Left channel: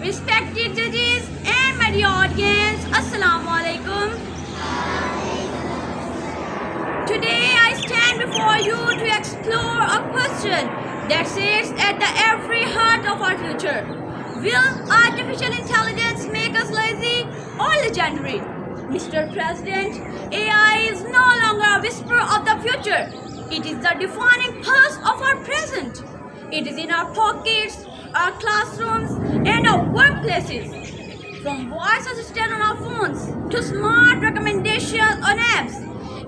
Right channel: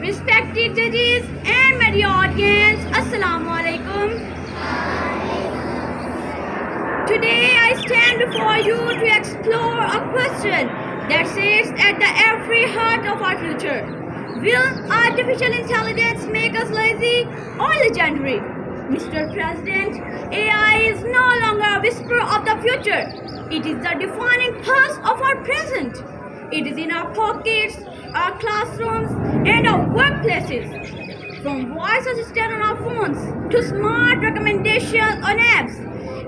Respected judges and media audience, Assalamu alaikum. Today I stand before you to explore a question that sits at the every heart of our future. Will artificial intelligence make us lazy or legendary? Mr. President, AI is no longer a whisper of the future. It is the defining pulse of our present. It is in our pockets, our classrooms, and our workplaces. From voice assistant on our phones to smart recommendations on apps,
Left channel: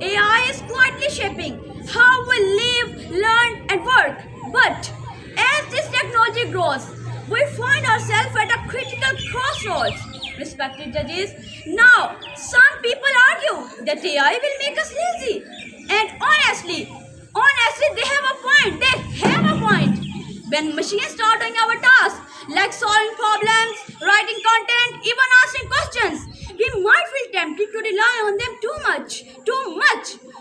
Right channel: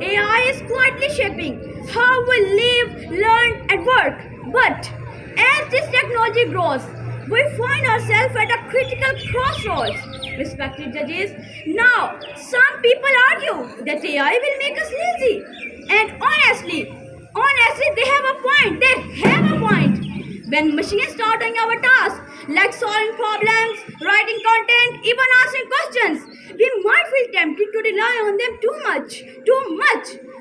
AI is quietly shaping how we live, learn, and work. But as this technology grows, we find ourselves at a critical crossroads. Respected judges, now some people argue that AI will make us lazy. And honestly, they have a point. They have a point. When machines start doing our tasks, like solving problems, writing content, even answering questions, we might feel tempted to rely on them too much.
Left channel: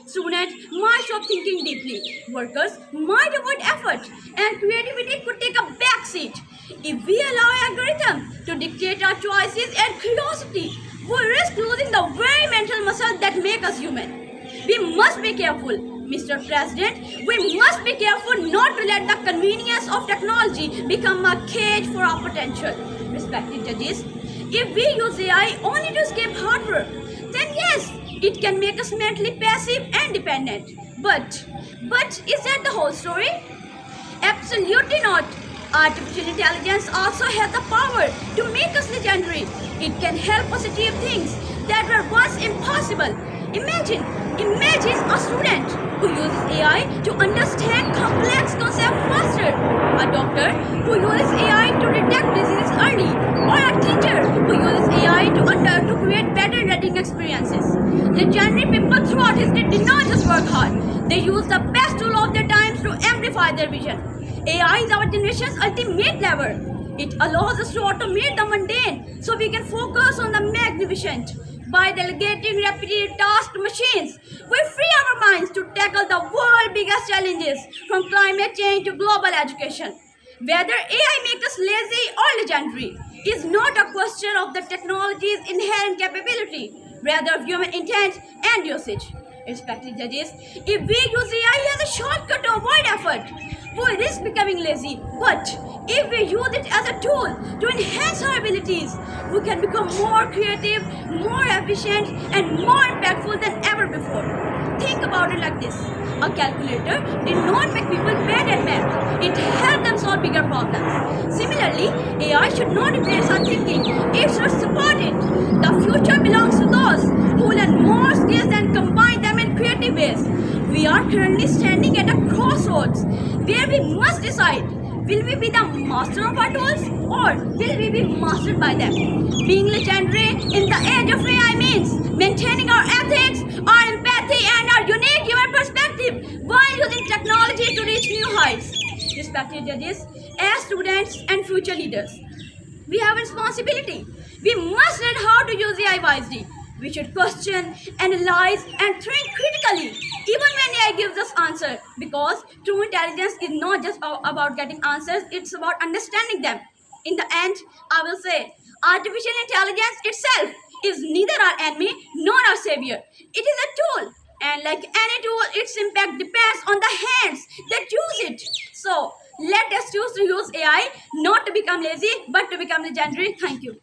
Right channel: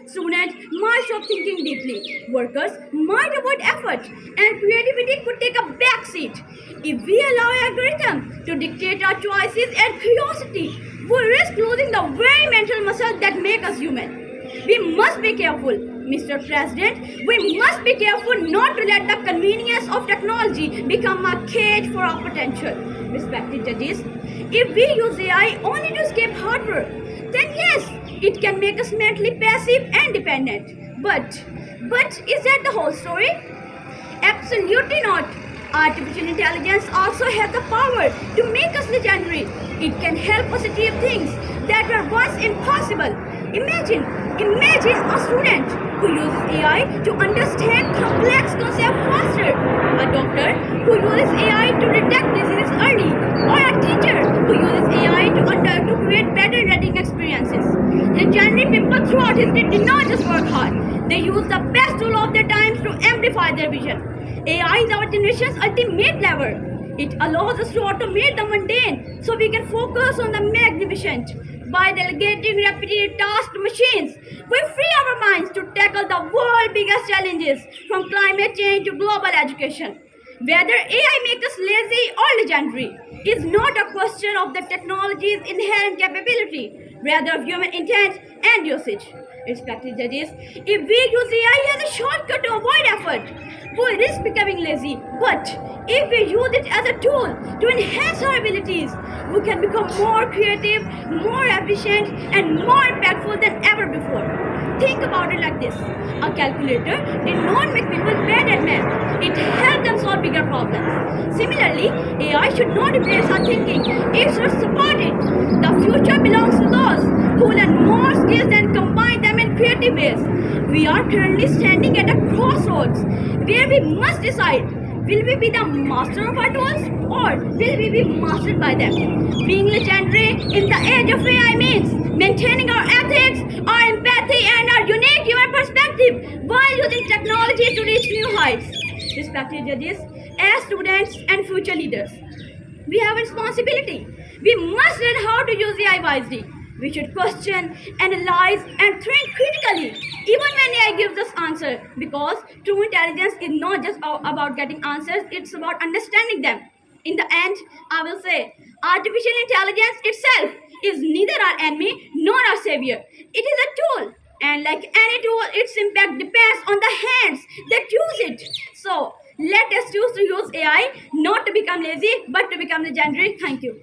Students might stop thinking deeply. Workers might avoid effort, and creativity could take a backseat. If we allow algorithms to dictate our choices and curiosity, we risk losing the very mental muscle that make us human. We must be careful, Mr. President. We must be careful not to let the convenience of technology become a cage for our potential. Respected judges, if we use AI only to escape hard work, then yes, it can make us mentally passive and dependent. But is that the whole story? Absolutely not. Artificial intelligence also has the power to make us legendary. It can help us achieve things that were once impossible. Imagine a student who uses AI to understand complex concepts faster, a doctor who uses AI to detect diseases early, or a teacher who uses AI to create better learning experiences. Legendary people throughout history did not just work hard, they used the best tool of their times to amplify their vision. AI is our generation's ultimate lever. It allows us to automate the mundane so we can focus on the magnificent. By delegating repetitive tasks to machines, we free our minds to tackle the world's biggest challenges, from climate change to global education. Whether AI makes us lazy or legendary is not a question of the technology's inherent capability, rather of human intent and usage. Respected judges, if we use AI as a shortcut to avoid effort, we risk becoming lazy. But if we use it as a tool to enhance our abilities, we can become more creative, more efficient, and more impactful than ever before. Think about it like this. A calculator did not make people bad at math. It helped them solve bigger problems. Similarly, AI should not replace our thinking. It should support it. The future belongs to those who learn more skills and combine them in creative ways. We are currently standing at a crossroads where we must decide, will we be the master of our tools or will we be mastered by them? Being legendary in the age of AI means maintaining our ethics, our empathy, and our unique human perspective while using technology to reach new heights. Respected judges, as students and future leaders, we have a responsibility. We must learn how to use AI wisely. We should question, analyze, and think critically, even when AI gives us answers, because true intelligence is not just about getting answers, it's about understanding them. In the end, I will say, artificial intelligence itself is neither our enemy nor our savior. It is a tool, and like any tool, its impact depends on the hands that use it. So, let us choose to use AI not to become lazy, but to become legendary. Thank you.